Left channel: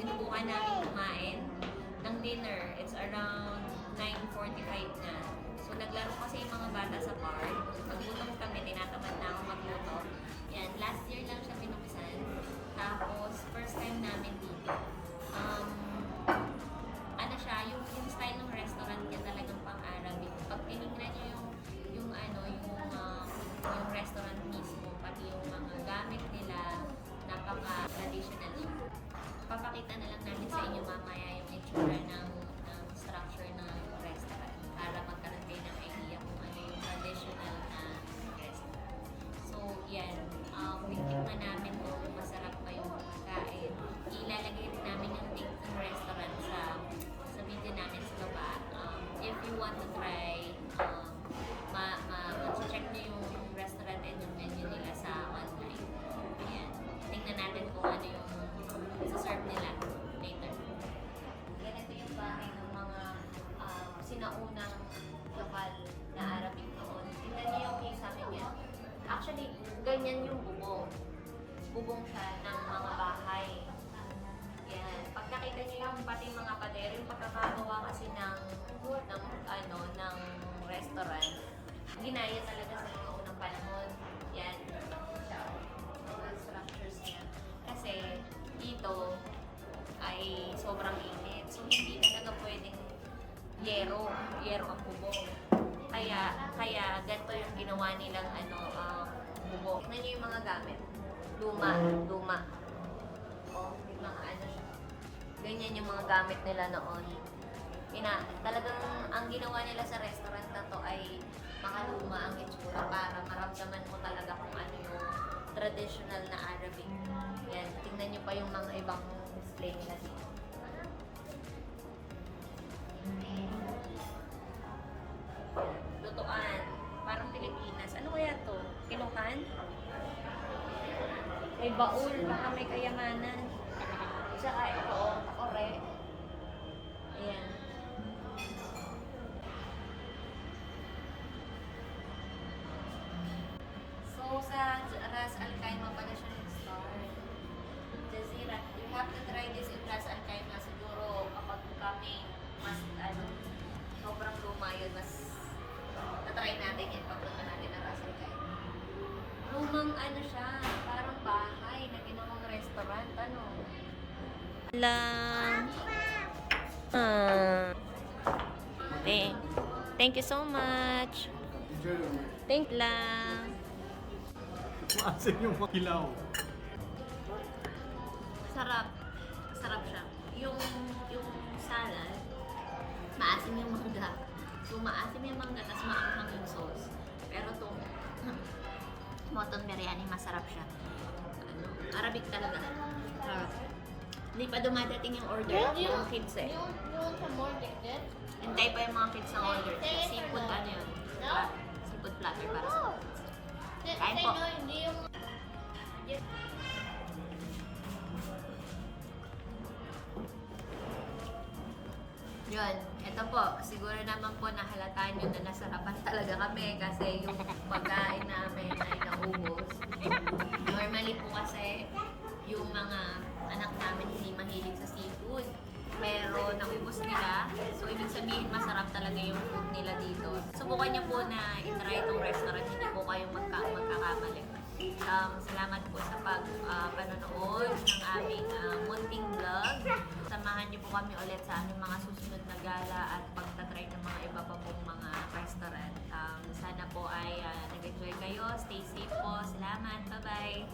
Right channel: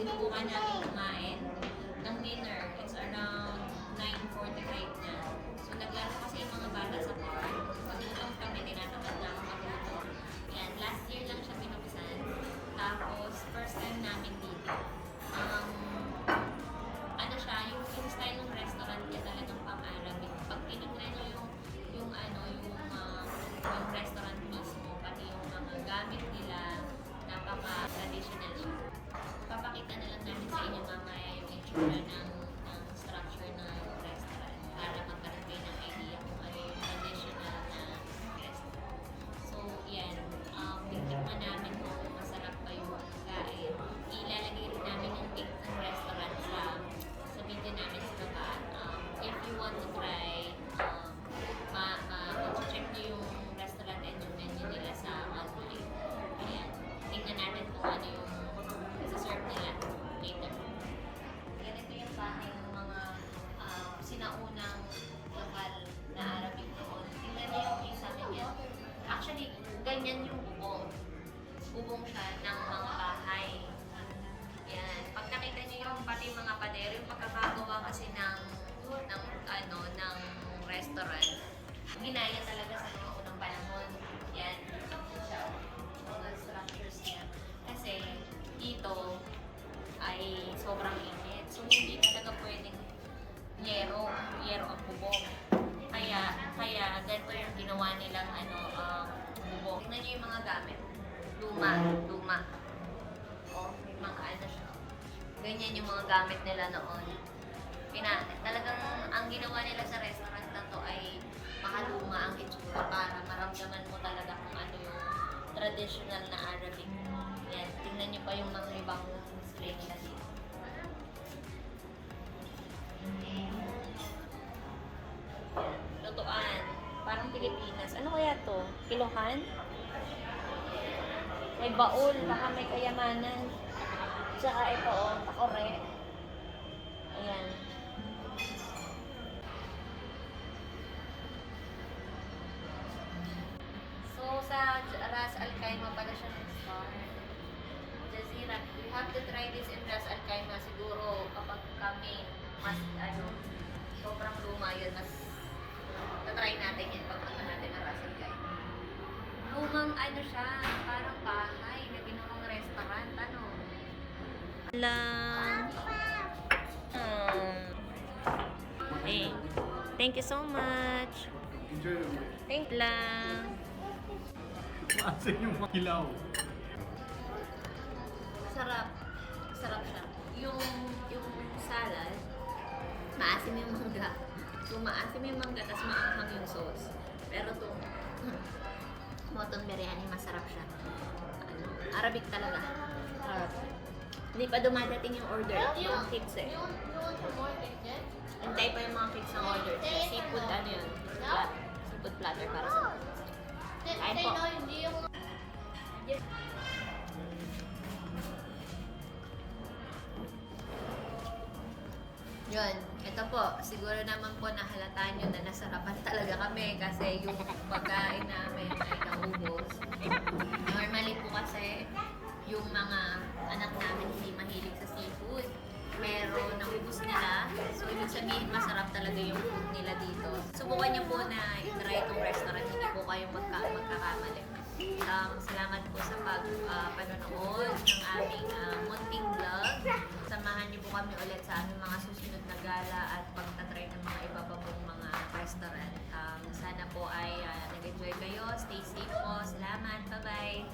sinubukan namin kumain ng dinner. It's around 9:45 na. So, naglaro kasi yung mga bata sa park. Nagutom kami, tinatamad na ako magluto. Yan, last year lang siya binuksan. Tapos, first time namin dito. Ano siya, yung style ng restaurant niya talagang pang-Arabic. Pag tinignan nyo yung restaurant mismo, pati yung mga gamit nila, napaka-traditional siya. Papakita na lang namin sa inyo mamaya yung itsura ng structure ng restaurant para magkaroon kayo ng idea kung ano yung traditional na restaurant. So, yan. Titikman namin kung masarap pa yung pagkain. Ilalagay rin namin yung link ng restaurant sa video namin sa baba. If you want to try, check nyo yung restaurant and yung menu nila sa online. Ayan. Tingnan natin kung ano yung serve nila later. Ganito yung bahay ng mga sinaunang lokal na Arabic noon. Tingnan niyo yung kisame niya. Actually, ganyan yung bubong. Bubong siya ng mga bahay. Yan. Pagkakita niyo yung pati mga pader, yung pagkakagawa kasi ng restaurant, ginaya talaga sa mga unang panahon. Yan. Siya, mga structures niya. Kasi, dito ay sobrang init. So, hindi talaga pwedeng yero ang bubong. Kaya ganito yung ginawa nilang bubong. Tignan niyo yung mga gamit. Luma. O, may mga siya. Ganyan yung mga gamit nila noon. Talagang ang ginawa nila sa restaurant na to ay makaluma ang itsura para maramdaman mo talaga kung ano yung traditional na Arabic. Yan, tingnan nyo pa yung mga ibang display nila dito. Lutuan. Parang Pilipinas. Ano kaya to? Kiluhan? May baul. Baka may kayamanan. Tsaka ito, correct. Ayan. So, sa Ras Al Khaimah pala siya nag-start. Jazeera. You have to try this in Ras Al Khaimah. Siguro kapag kami mas sobrang luma yun, mas tatry natin yan pagpunta natin ng Ras Al Khaimah. Lumang siya, parang bahay na ginawang restaurant, lang. Thank you so much. Thank lang. Maasin yung makilaw. Sarap siya. Yung salad, maasim yung mangga. Yung maasim yung mangga, tas maanghang yung sauce. Pero itong mutton biryani, masarap siya. Arabic talaga. Sarap. Hindi pa dumadating yung order. Mga kids Hintay pa yung mga kids ng order. Seafood, yun? Seafood platter para sa mga kids. Kain po. Yun, ito po, siguro naman po nahalata nyo na nasarapan talaga kami kasi yung pagkain namin ay naubos. Normally po kasi yung mga anak namin hindi mahilig sa seafood. Pero naubos nila. So, ibig sabihin masarap talaga yung food nila dito. Subukan niyo po na i-try itong restaurant. Hindi po kayong magkakamali. Salamat po sa panonood ng aming munting vlog. Samahan niyo po kami ulit sa aming mga susunod na gala at pagtatry ng mga iba pa pong mga restaurant. Sana po ay nag-enjoy kayo. Stay safe po. Salamat. Bye-bye.